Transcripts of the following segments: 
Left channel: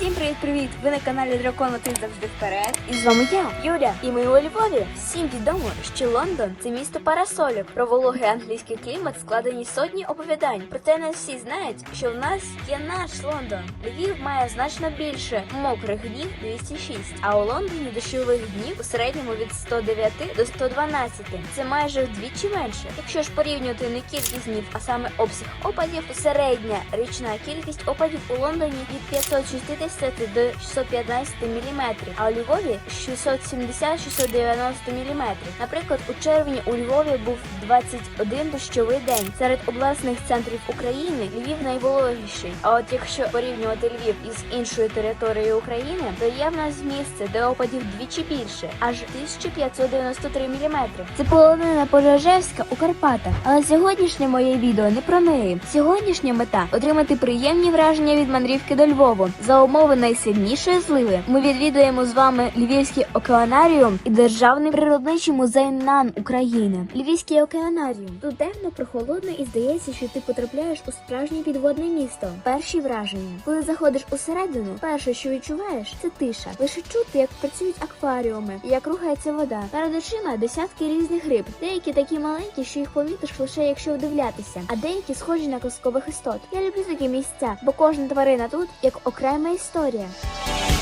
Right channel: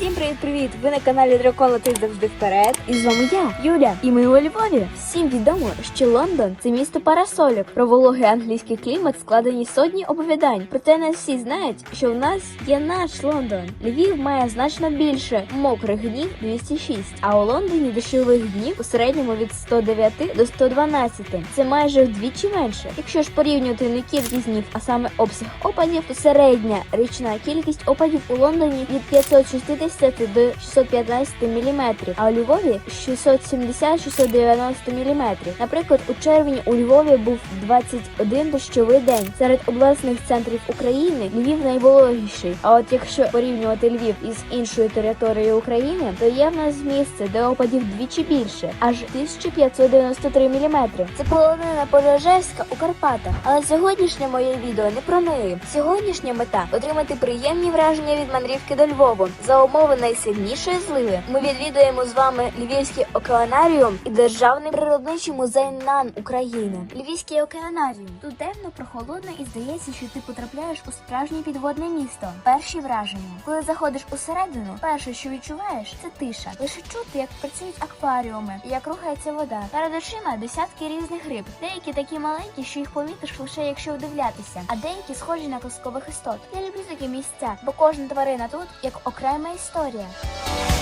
Всім привіт-привіт! Ви на каналі Дракон летить завжди вперед. І з вами я, Юля. І ми у Львові. Всім відомо, що Лондон це місто парасольок. Про вологий англійський клімат складені сотні оповідань. Проте не всі знають, що в нас є наш Лондон. Львів має значно більше мокрих днів 206, а у Лондоні дощових днів у середньому від 109 до 112. Це майже вдвічі менше. Якщо ж порівнювати не кількість днів, а саме обсяг опадів, то середня річна кількість опадів у Лондоні від 560 до 615 мм, а у Львові 670-690 мм. Наприклад, у червні у Львові був 21 дощовий день. Серед обласних центрів України Львів найвологіший. А от якщо порівнювати Львів із іншою територією України, то є в нас місце, де опадів двічі більше, аж 1593 мм. Це полонина Пожежевська у Карпатах. Але сьогоднішнє моє відео не про неї. Сьогоднішня мета отримати приємні враження від мандрівки до Львова. За умови найсильнішої зливи ми відвідуємо з вами Львівський океанаріум і Державний природничий музей НАН України. Львівський океанаріум. Тут темно, прохолодно і здається, що ти потрапляєш у справжнє підводне місто. Перші враження. Коли заходиш усередину, перше, що відчуваєш, це тиша. Лише чути, як працюють акваріуми, як рухається вода. Перед очима десятки різних риб. Деякі такі маленькі, що їх помітиш лише якщо вдивлятися, а деякі схожі на казкових істот. Я люблю такі місця, бо кожна тварина тут як окрема історія. história.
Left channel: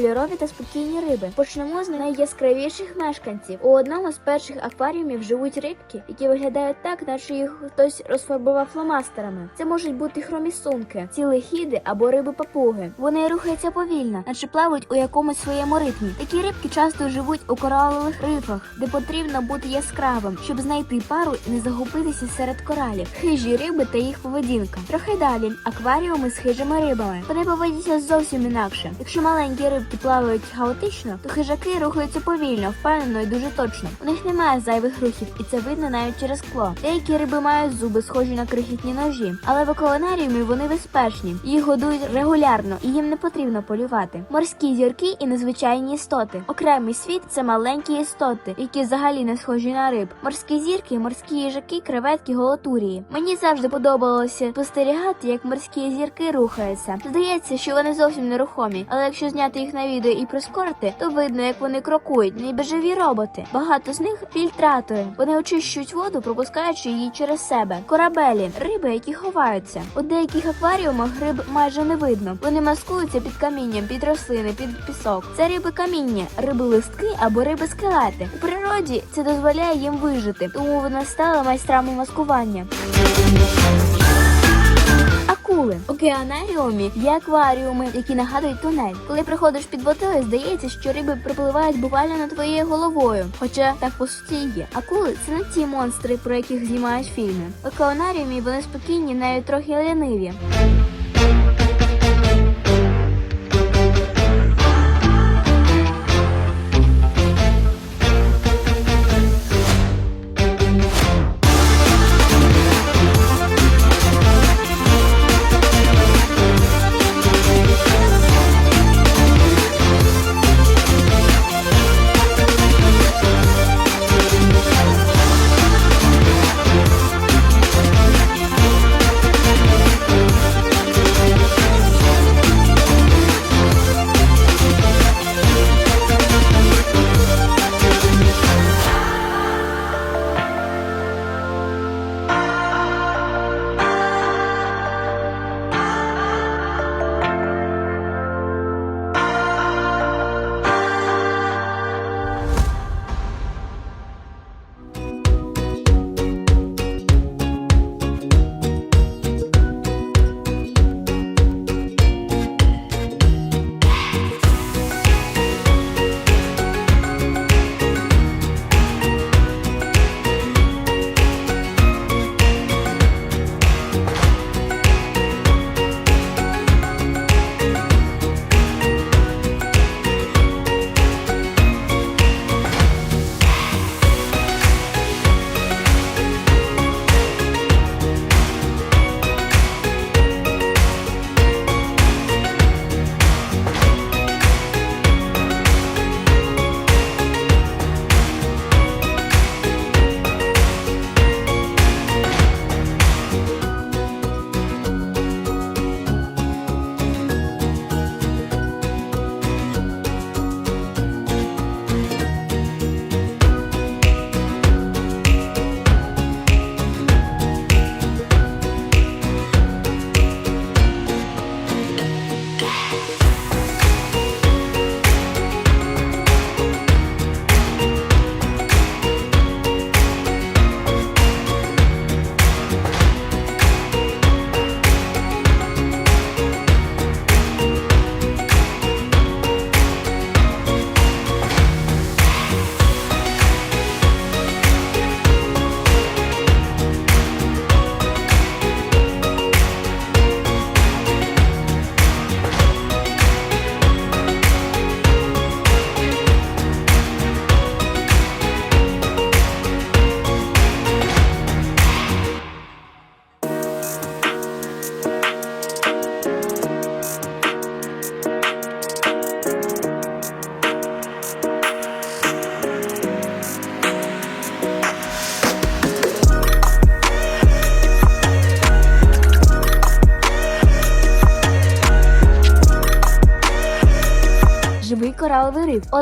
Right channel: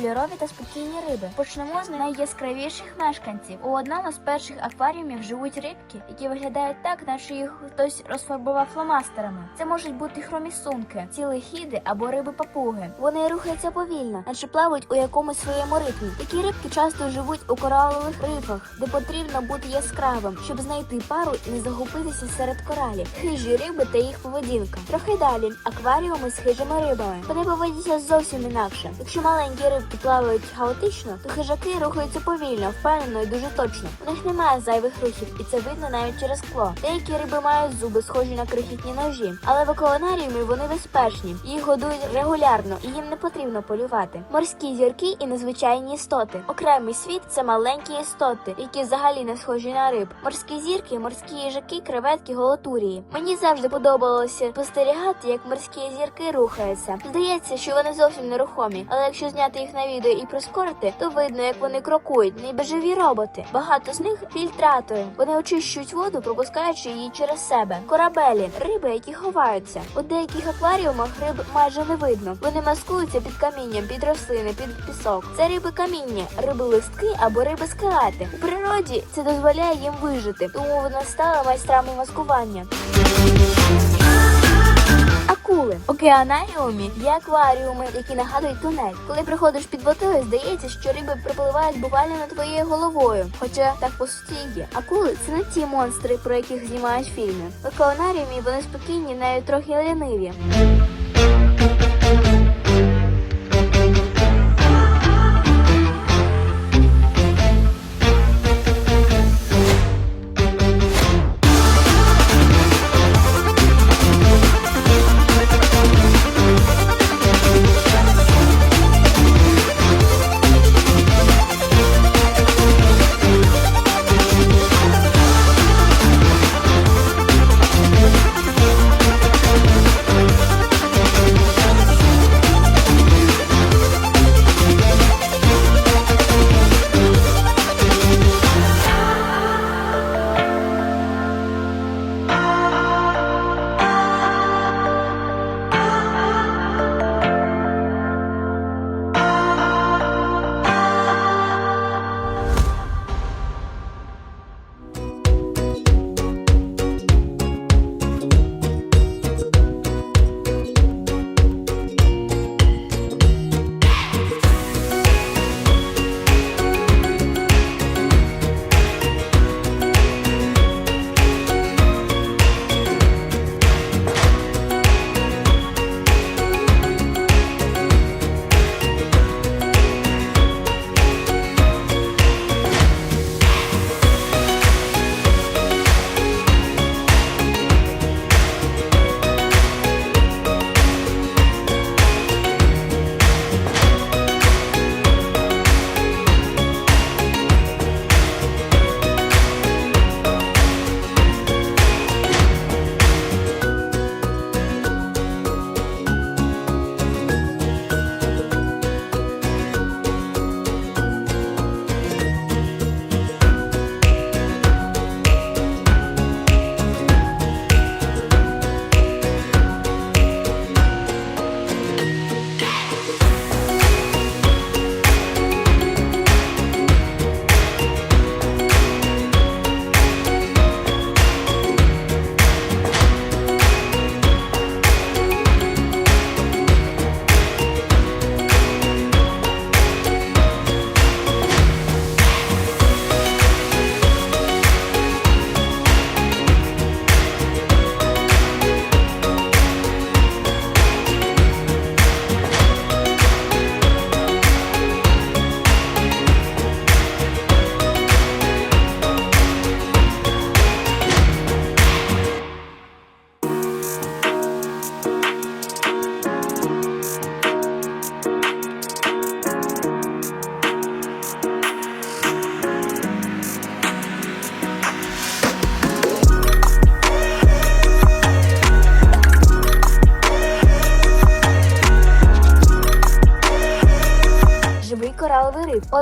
Кольорові та спокійні риби. Почнемо з найяскравіших мешканців. У одному з перших акваріумів живуть рибки, які виглядають так, наче їх хтось розфарбував фломастерами. Це можуть бути хромісунки, цілехіди або риби папуги. Вони рухаються повільно, наче плавають у якомусь своєму ритмі. Такі рибки часто живуть у коралових рифах, де потрібно бути яскравим, щоб знайти пару і не загубитися серед коралів. Хижі риби та їх поведінка. Трохи далі акваріуми з хижими рибами. Вони поводяться зовсім інакше. Якщо маленькі рибки плавають хаотично, то хижаки рухаються повільно, впевнено і дуже точно. В них немає зайвих рухів, і це видно навіть через скло. Деякі риби мають зуби, схожі на крихітні ножі, але в океанаріумі вони безпечні. Їх годують регулярно, і їм не потрібно полювати. Морські зірки і незвичайні істоти. Окремий світ це маленькі істоти, які взагалі не схожі на риб. Морські зірки, морські їжаки, креветки, голотурії. Мені завжди подобалося спостерігати, як морські зірки рухаються. Здається, що вони зовсім нерухомі, але якщо зняти їх на відео і прискорити, то видно, як вони крокують, біжеві роботи. Багато з них фільтратори. Вони очищують воду, пропускаючи її через себе. Корабелі, риби, які ховаються. У деяких акваріумах риб майже не видно. Вони маскуються під камінням, під рослини, під пісок. Це риби каміння, риби листки або риби скелети. В природі це дозволяє їм вижити, тому вони стали майстрами маскування. Океанаріумі є акваріуми, які нагадують тунель. Коли приходиш під водою, здається, що риби припливають буквально над твоєю головою. Хоча так по А є. Акули це не ті монстри, про яких знімають фільми. В океанаріумі вони спокійні, навіть трохи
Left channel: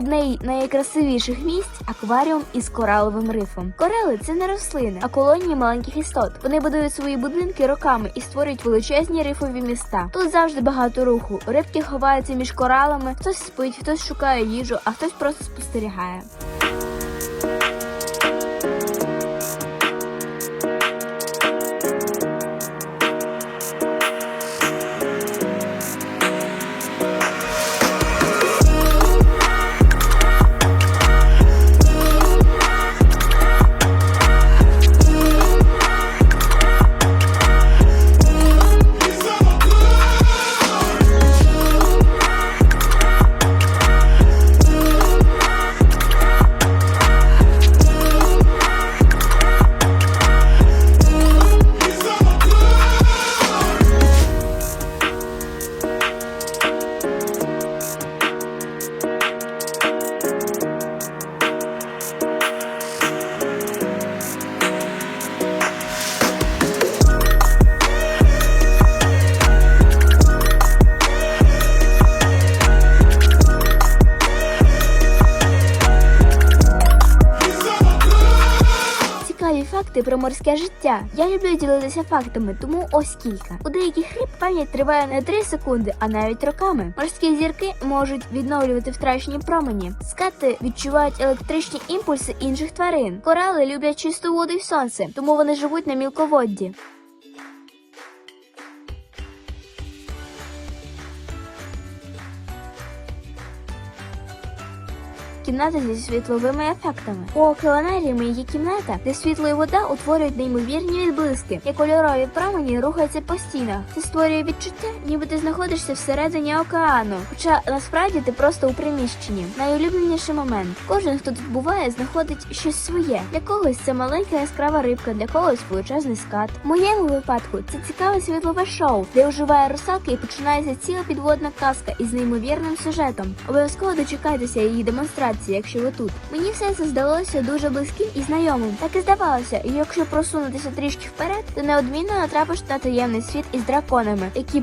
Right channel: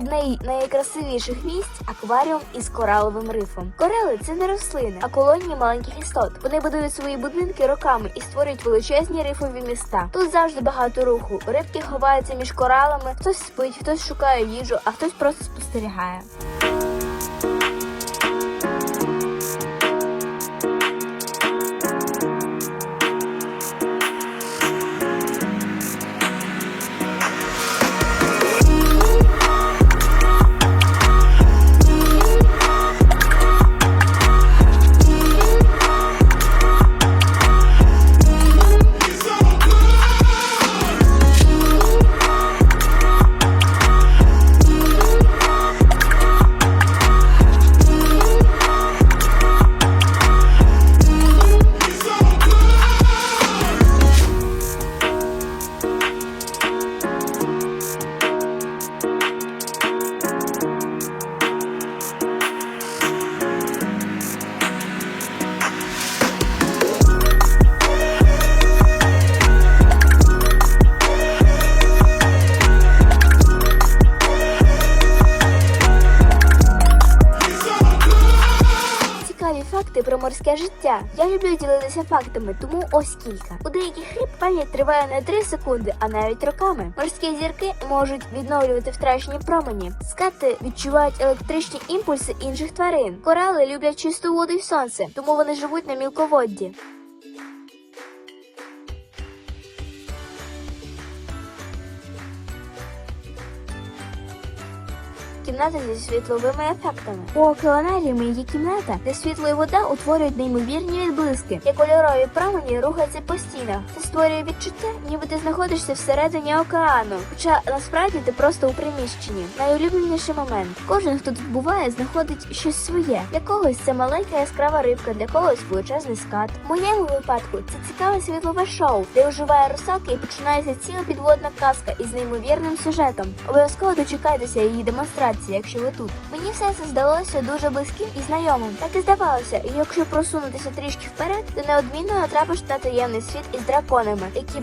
ліниві. з найкрасивіших місць акваріум із кораловим рифом. Корали це не рослини, а колонії маленьких істот. Вони будують свої будинки роками і створюють величезні рифові міста. Тут завжди багато руху. Рибки ховаються між коралами, хтось спить, хтось шукає їжу, а хтось просто спостерігає. Люблю фактами, тому ось кілька. У деяких хліб пам'ять триває не 3 секунди, а навіть роками. Морські зірки можуть відновлювати втрачені промені. Скати відчувають електричні імпульси інших тварин. Корали люблять чисту воду і сонце, тому вони живуть на мілководді. Кімната зі світловими ефектами. У океанаріумі є кімната, де світло і вода утворюють неймовірні відблиски, і кольорові промені рухаються по стінах. Це створює відчуття, ніби ти знаходишся всередині океану. Хоча насправді ти просто у приміщенні. Найулюбленіший момент. Кожен, хто тут буває, знаходить щось своє. Для когось це маленька яскрава рибка, для когось величезний скат. В моєму випадку це цікаве світлове шоу, де оживає русалка і починається ціла підводна казка із неймовірним сюжетом. Обов'язково дочекайтеся її демонстрації, якщо ви тут. Мені все це здалося дуже близьким і знайомим. Так і здавалося, і якщо просунутися трішки вперед, то неодмінно натрапиш на таємний світ із драконами, які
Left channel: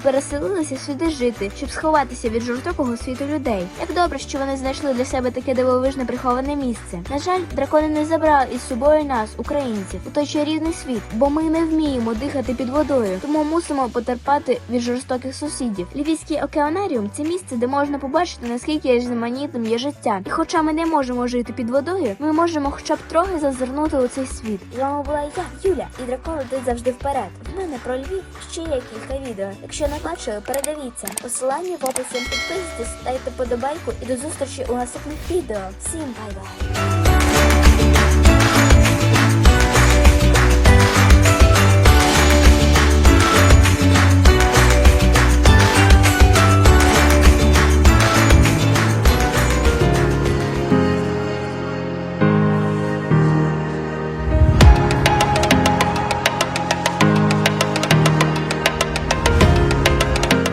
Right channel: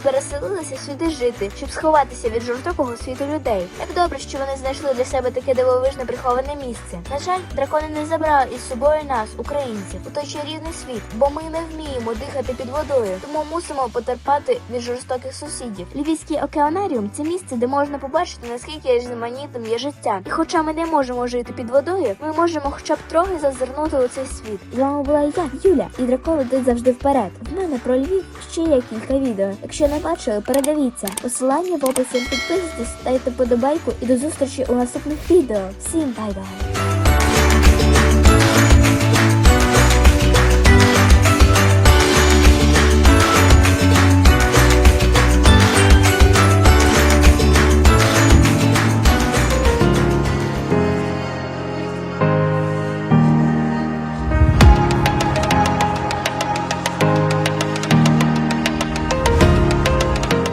переселилися сюди жити, щоб сховатися від жорстокого світу людей. Як добре, що вони знайшли для себе таке дивовижне приховане місце. На жаль, дракони не забрали із собою нас, українців, у той чарівний світ, бо ми не вміємо дихати під водою, тому мусимо потерпати від жорстоких сусідів. Львівський океанаріум це місце, де можна побачити наскільки різноманітним є життя. І хоча ми не можемо жити під водою, ми можемо хоча б трохи зазирнути у цей світ. З вами була я, Юля, і дракон летить завжди вперед. В мене про Львів ще є кілька відео. Якщо не бачили, передивіться. Посилання в описі підписуйтесь, ставте подобайку і до зустрічі у наступних відео. Всім бай-бай!